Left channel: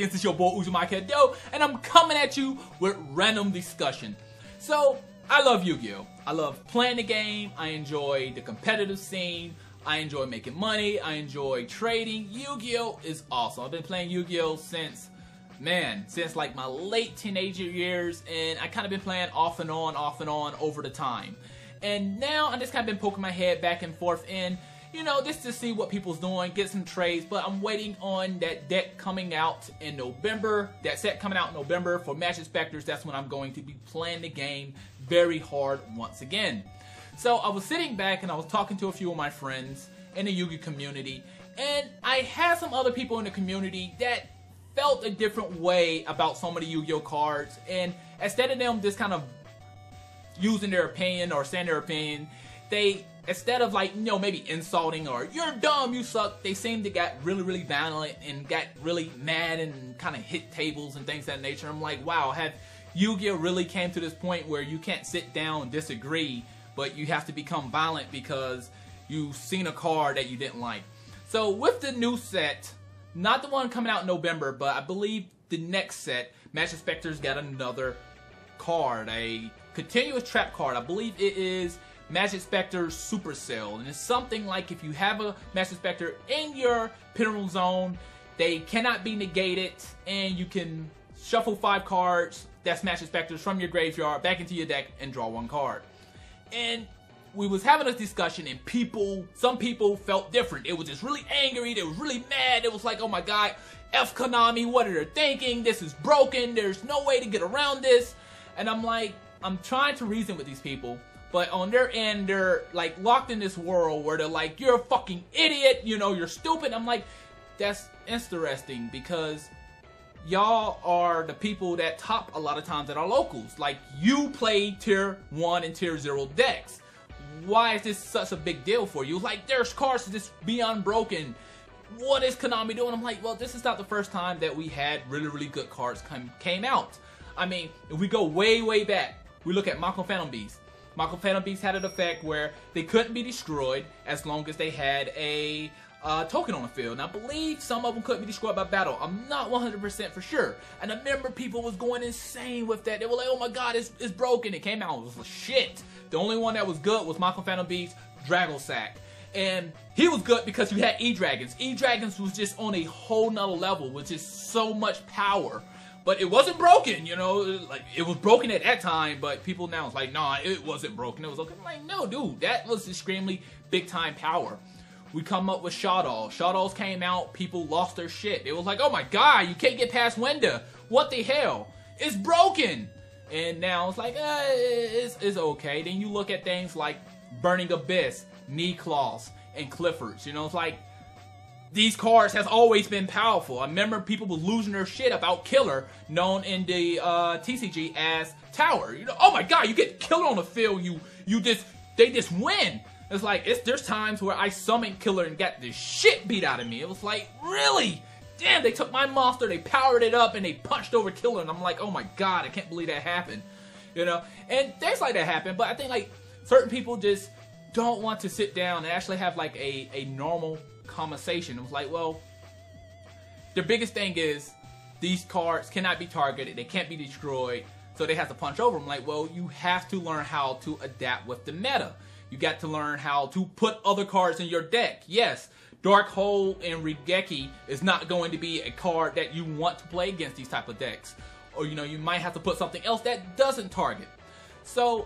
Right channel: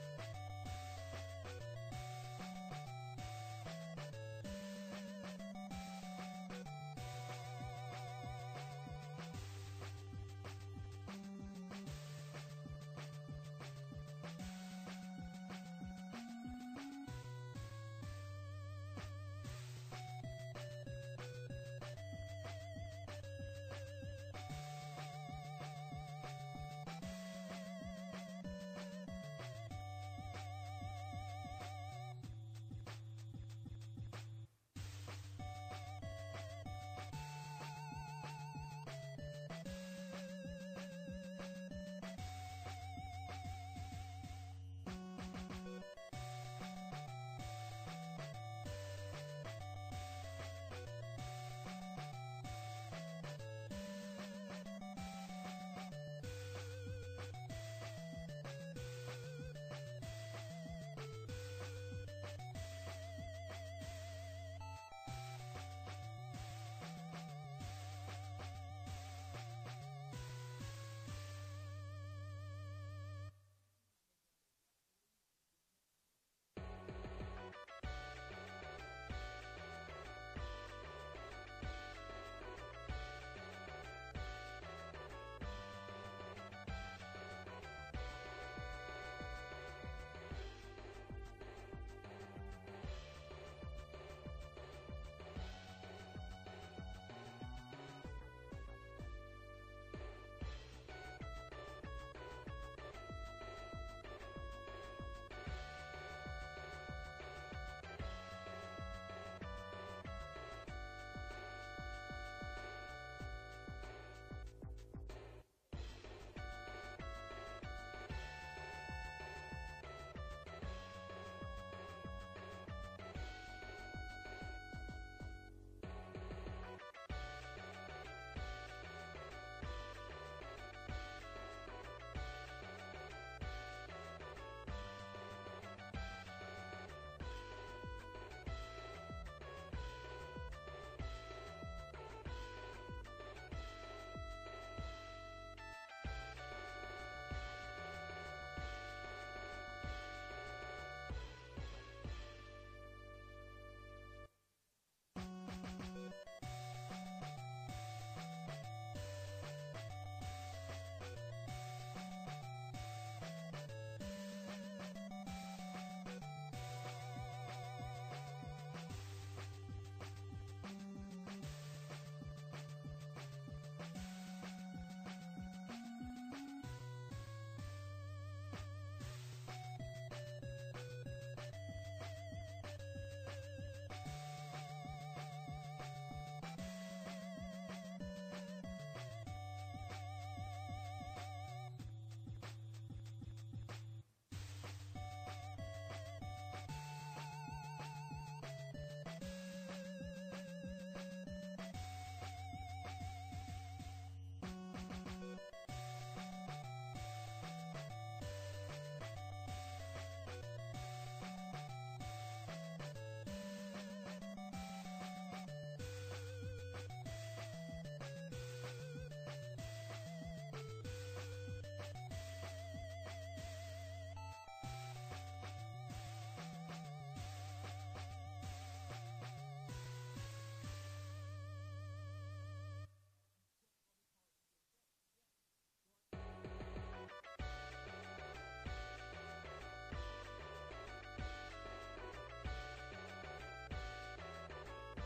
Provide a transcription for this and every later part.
Canadians, it's your boy YuGiOh, and I'm coming at you with random discussion. So, I love Yu-Gi-Oh! I love playing the game, I enjoy the competitive scene, I enjoy making money, I enjoy trading. Yu-Gi-Oh! Is awesome. I've been playing Yu-Gi-Oh! since like my late teenager years, and I kind of been playing off and on over the time. And now I just kind of been poking my head back and forth in, you know, just to see what people's doing, get some trades, but I'm waiting on that deck coming out in November, that set coming out in November for Majespecters. That's when I'm going to be playing the game very hard once again. So I was sitting back and I was talking to a few of my friends in the Yu-Gi community, and I had some other people in the community that felt a different way about some of the Yu-Gi-Oh cards, and instead of them just kind of using their opinion or saying their opinion, they, instead of like, you know, maybe insulting or you're dumb, you suck, they seemed to get really violent and got really mad and kind of hit tables and things of that nature. I'm like, wow, have Yu-Gi-Oh really came to this point where you can't sit down and disagree, but you have to become violent because you've seen a card that you didn't like. So with the new set, not the one coming out in November, but I believe the next set, Majespecter's got another card, a continuous trap card. I believe it is Majespecter's Supercell, and it's something like if you have a Majespecter in your pinnacle zone, they cannot be negated, and you can shuffle 5 cards, that's Majespecters, from your graveyard back into your deck and draw 1 card. And we was having a discussion, and some people felt different. It was just really angry, they was really mad, it was like, oh my god, F Konami, what are they thinking? This is broken, there's no way to get around this. And I'm like, I'm trying to reason with these people, but on their end, they're like locked in this world where they're like, you're a fucking idiot, you know, you're stupid. I'm like, that's interesting because y'all are the people that top a lot of times at our locals. Like, you play tier 1 and tier 0 decks. Why is this such a big deal for you? Like, there's cards to just be unbroken. What is Konami doing? I'm like, well, this is not the first time that we had really good cards came out. I mean, if we go way back, we look at Mako Phantom Beast. Mako Phantom Beast had an effect where they couldn't be destroyed as long as they had a token on the field. And I believe some of them couldn't be destroyed by battle. I'm not 100% for sure. And I remember people was going insane with that. They were like, oh my god, it's broken. It came out, it was shit. The only one that was good was Mako Phantom Beast, Dragosack. And he was good because you had E-Dragons. E-Dragons was just on a whole nother level with just so much power. But it wasn't broken, you know, like it was broken at that time, but people now it's like, nah, it wasn't broken, it was okay. I'm like, no, dude, that was extremely big time power. We come up with Shadows. Shadows came out, people lost their shit. It was like, oh my god, you can't get past Wenda. What the hell? It's broken. And now it's like, it's okay. Then you look at things like Burning Abyss, Knee Claws, and Cliffords. You know, it's like, these cards has always been powerful. I remember people were losing their shit about Killer, known in the TCG as Tower. You know, oh my god, you get Killer on the field, they just win. It's like, there's times where I summoned Killer and got the shit beat out of me. It was like, really? Damn, they took my monster, they powered it up, and they punched over Killer, and I'm like, oh my god, I can't believe that happened. You know, and things like that happen, but I think like certain people just don't want to sit down and actually have like a normal conversation. It was like, well, the biggest thing is these cards cannot be targeted, they can't be destroyed, so they have to punch over them. Like, well, you have to learn how to adapt with the meta. You got to learn how to put other cards in your deck. Yes, Dark Hole and Regeki is not going to be a card that you want to play against these type of decks. Or, you know, you might have to put something else that doesn't target. So,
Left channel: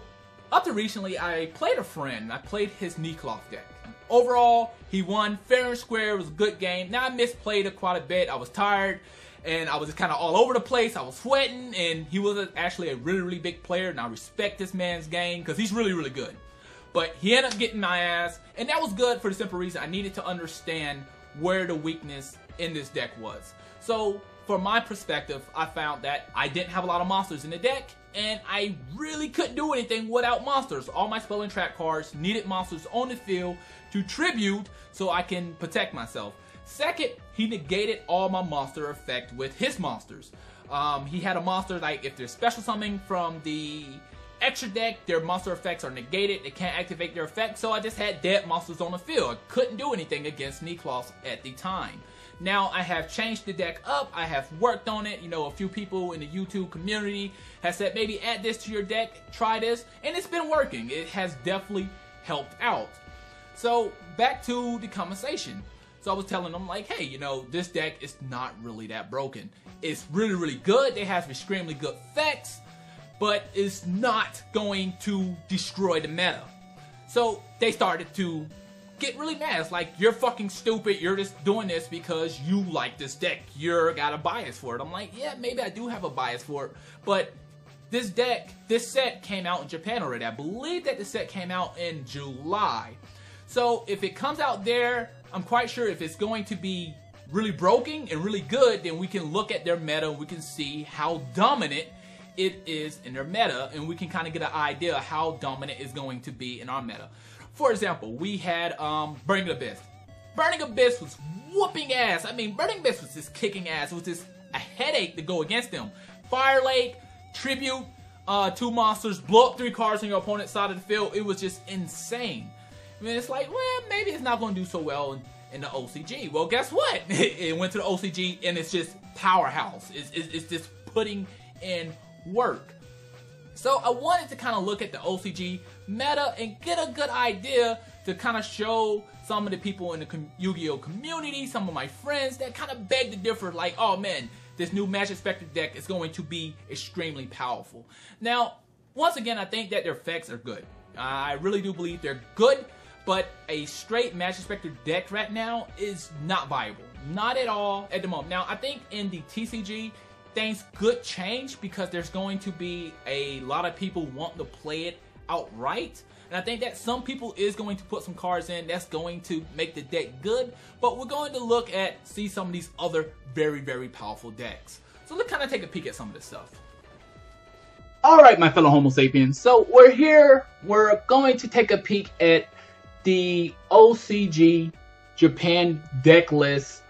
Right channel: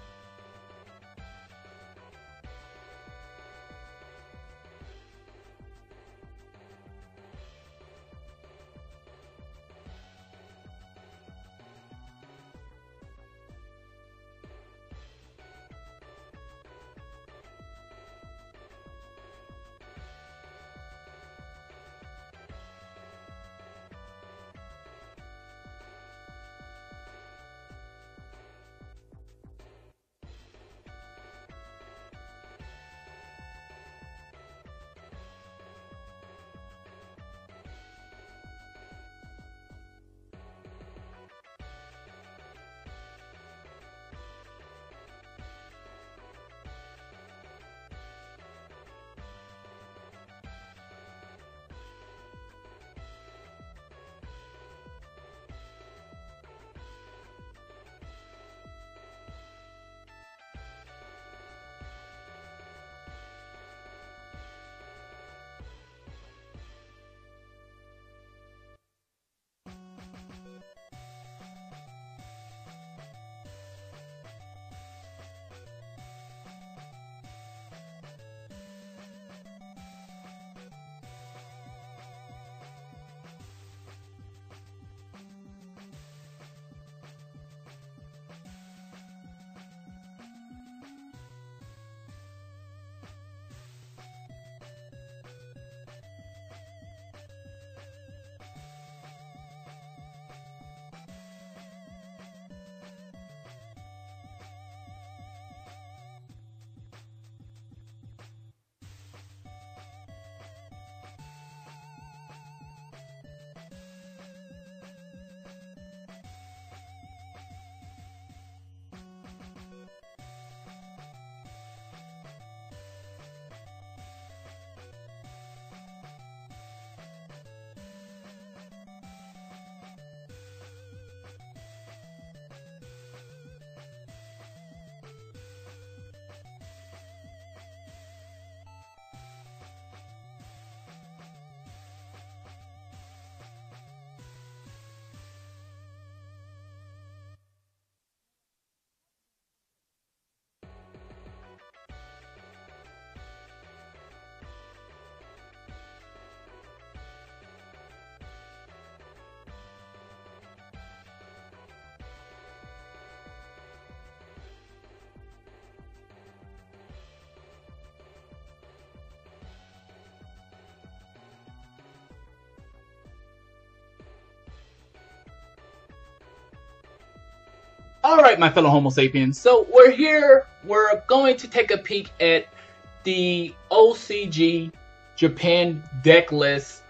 up to recently, I played a friend. I played his Knee-Cloth deck. Overall, he won fair and square. It was a good game. Now, I misplayed it quite a bit. I was tired, and I was just kind of all over the place. I was sweating, and he was actually a really big player, and I respect this man's game because he's really good. But he ended up getting my ass, and that was good for the simple reason I needed to understand where the weakness in this deck was. So, from my perspective, I found that I didn't have a lot of monsters in the deck, and I really couldn't do anything without monsters. All my spell and trap cards needed monsters on the field to tribute so I can protect myself. Second, he negated all my monster effect with his monsters. He had a monster like if there's special summoning from the extra deck, their monster effects are negated, they can't activate their effect, so I just had dead monsters on the field. I couldn't do anything against Knee-Cloth at the time. now I have changed the deck up. I have worked on it. You know, a few people in the YouTube community have said maybe add this to your deck, try this, and it's been working. It has definitely helped out. So back to the conversation. So I was telling them like, hey, you know, this deck is not really that broken. It's really, really good. It has extremely good effects, but it's not going to destroy the meta. So they started to get really mad. It's like, you're fucking stupid. You're just doing this because you like this deck. You're got a bias for it. I'm like, yeah, maybe I do have a bias for it, but this set came out in Japan already. I believe that the set came out in July. So if it comes out there, I'm quite sure if it's going to be really broken and really good, then we can look at their meta. We can see how dominant it is in their meta, and we can kind of get an idea of how dominant it's going to be in our meta. For example, we had Burning Abyss. Burning Abyss was whooping ass. I mean, Burning Abyss was just kicking ass. It was just a headache to go against them. Fire Lake, Tribute, 2 monsters, blow up 3 cards on your opponent's side of the field. It was just insane. I mean, it's like, well, maybe it's not going to do so well in the OCG. Well, guess what? It went to the OCG, and it's just powerhouse. It's just putting in work. So I wanted to kind of look at the OCG meta and get a good idea to kind of show some of the people in the YuGiOh community, some of my friends that kind of beg to differ, like, oh man, this new Majespecter deck is going to be extremely powerful. Now, once again, I think that their effects are good. I really do believe they're good, but a straight Majespecter deck right now is not viable. Not at all at the moment. Now, I think in the TCG, things could change because there's going to be a lot of people want to play it outright. And I think that some people is going to put some cards in that's going to make the deck good, but we're going to look at, see some of these other very, very powerful decks. So let's kind of take a peek at some of this stuff. Alright, my fellow Homo sapiens, so we're here, we're going to take a peek at the OCG Japan deck list.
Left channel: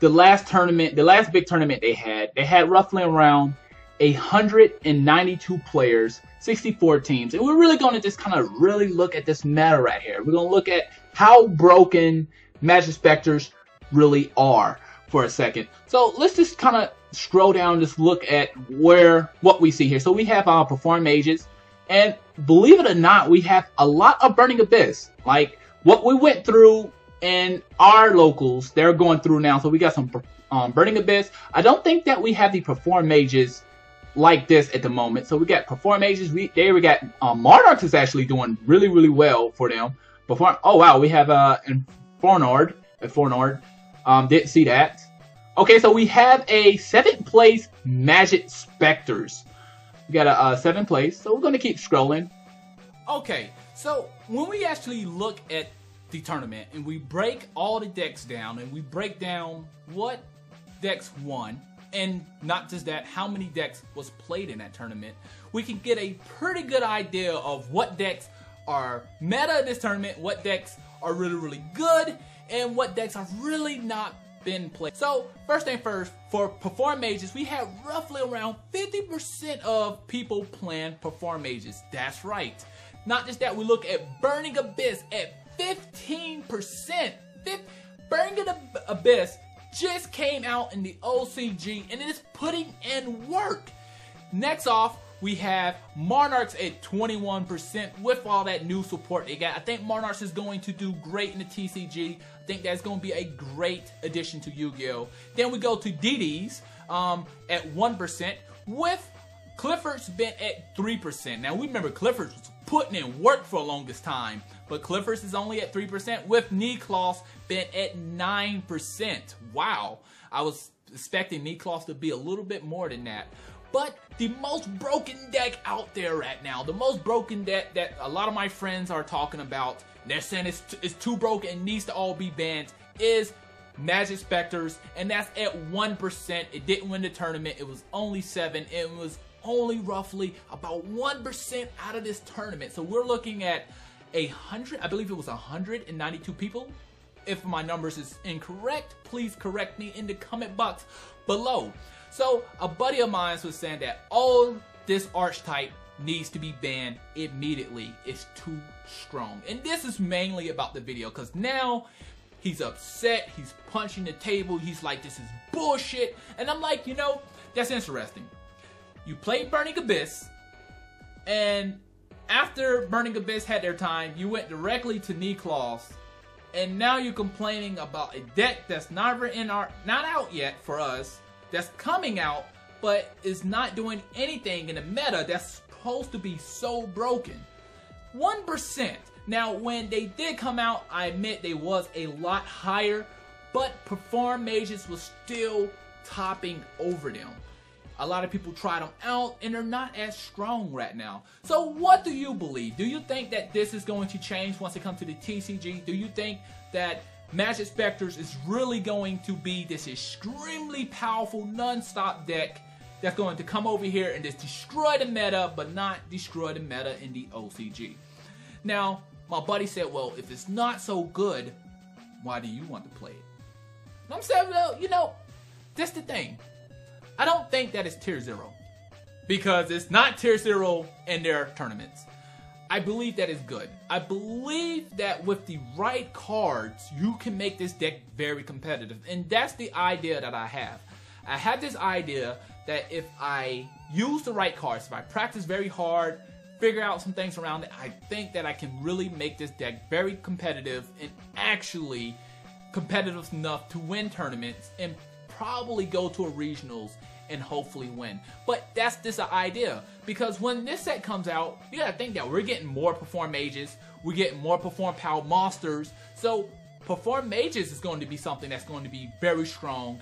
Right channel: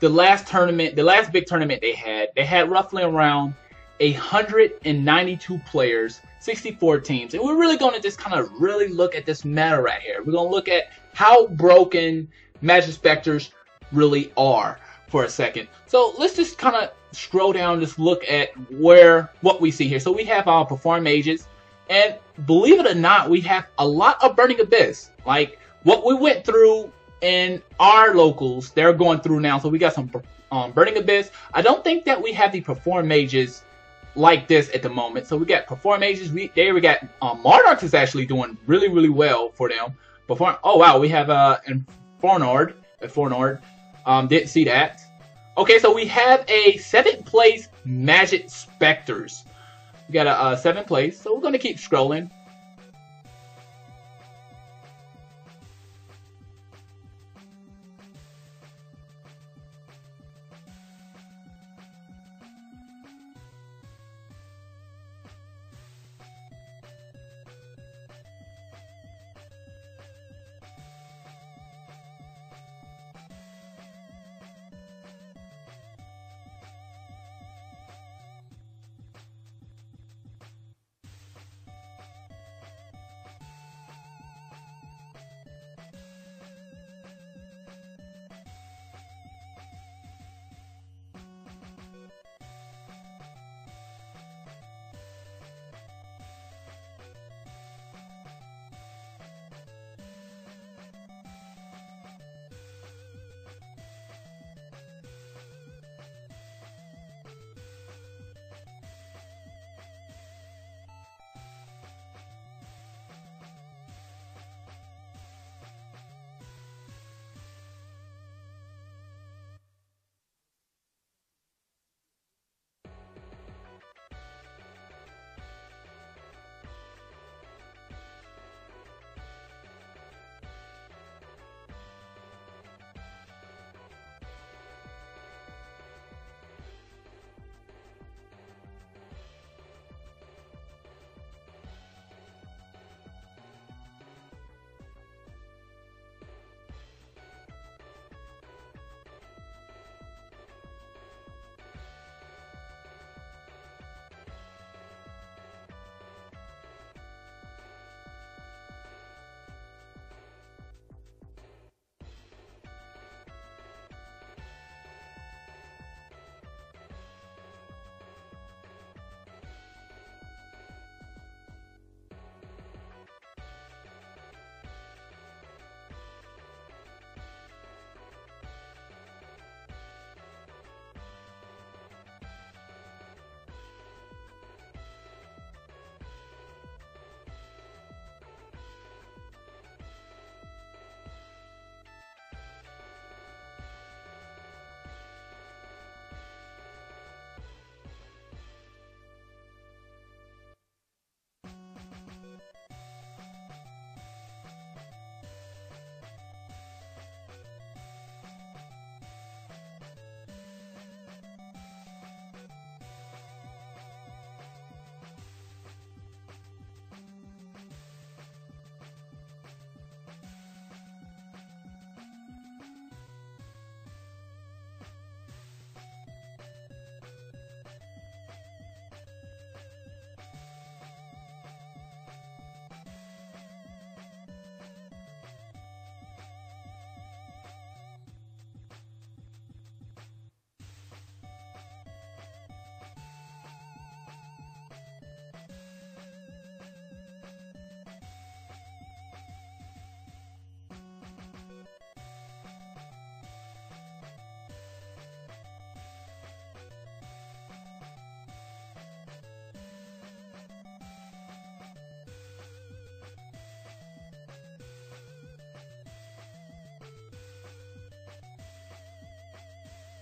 The last tournament, the last big tournament they had roughly around 192 players, 64 teams. And we're really going to just kind of really look at this meta right here. We're going to look at how broken Majespecters really are for a second. So let's just kind of scroll down, just look at what we see here. So we have our Perform Mages, and believe it or not, we have a lot of Burning Abyss. Like what we went through in our locals, they're going through now. So we got some Burning Abyss. I don't think that we have the Perform Mages like this at the moment. So we got Perform Mages. We got Monarchs is actually doing really, really well for them. Oh wow, we have Fornord. Didn't see that. Okay, so we have a 7th place Majespecters. We got a 7th place. So we're gonna keep scrolling. Okay, so when we actually look at the tournament and we break all the decks down and we break down what decks won, and not just that, how many decks was played in that tournament, we can get a pretty good idea of what decks are meta in this tournament, what decks are really, really good, and what decks have really not been played. So first thing first, for Perform Mages, we have roughly around 50% of people playing Perform Mages. That's right. Not just that, we look at Burning Abyss at 15%. Burning Abyss just came out in the OCG and it is putting in work. Next off, we have Monarchs at 21% with all that new support they got. I think Monarchs is going to do great in the TCG. I think that's going to be a great addition to YuGiOh. Then we go to DDs at 1% with Clifford's been at 3%. Now we remember Clifford's was putting in work for the longest time, but Clifford's is only at 3% with Niklas been at 9%. Wow, I was expecting Niklas to be a little bit more than that. But the most broken deck out there right now, the most broken deck that a lot of my friends are talking about, they're saying it's too broken and needs to all be banned, is Majespecters, and that's at 1%. It didn't win the tournament. It was only 7. It was only roughly about 1% out of this tournament. So we're looking at 100, I believe it was 192 people. If my numbers is incorrect, please correct me in the comment box below. So a buddy of mine was saying that all this archetype needs to be banned immediately. It's too strong. And this is mainly about the video, because now He's upset. He's punching the table. He's like, this is bullshit. And I'm like, you know, that's interesting. You played Burning Abyss, and after Burning Abyss had their time, you went directly to knee claws, and now you're complaining about a deck that's not out yet for us, that's coming out, but is not doing anything in the meta that's supposed to be so broken. 1%. Now, when they did come out, I admit they was a lot higher, but Perform Mages was still topping over them. A lot of people tried them out, and they're not as strong right now. So what do you believe? Do you think that this is going to change once it comes to the TCG? Do you think that Majespecters is really going to be this extremely powerful non-stop deck that's going to come over here and just destroy the meta, but not destroy the meta in the OCG? Now, my buddy said, well, if it's not so good, why do you want to play it? And I'm saying, well, you know, that's the thing. I don't think that it's tier 0, because it's not tier 0 in their tournaments. I believe that is good. I believe that with the right cards, you can make this deck very competitive. And that's the idea that I have. I have this idea that if I use the right cards, if I practice very hard, figure out some things around it, I think that I can really make this deck very competitive and actually competitive enough to win tournaments and probably go to a regionals and hopefully win. But that's just an idea, because when this set comes out, you gotta think that we're getting more Perform Mages, we're getting more Perform Power Monsters, so Perform Mages is going to be something that's going to be very strong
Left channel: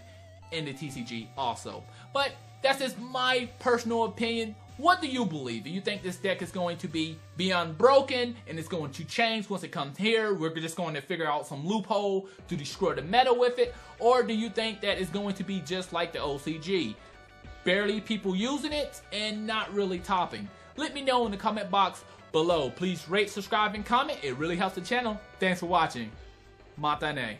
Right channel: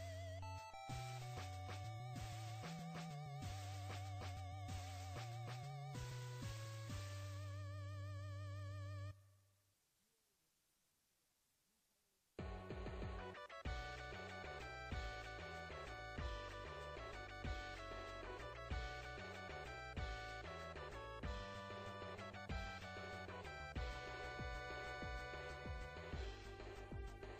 in the TCG also. But that's just my personal opinion. What do you believe? Do you think this deck is going to be beyond broken and it's going to change once it comes here? We're just going to figure out some loophole to destroy the meta with it? Or do you think that it's going to be just like the OCG? Barely people using it and not really topping? Let me know in the comment box below. Please rate, subscribe, and comment. It really helps the channel. Thanks for watching. Matane.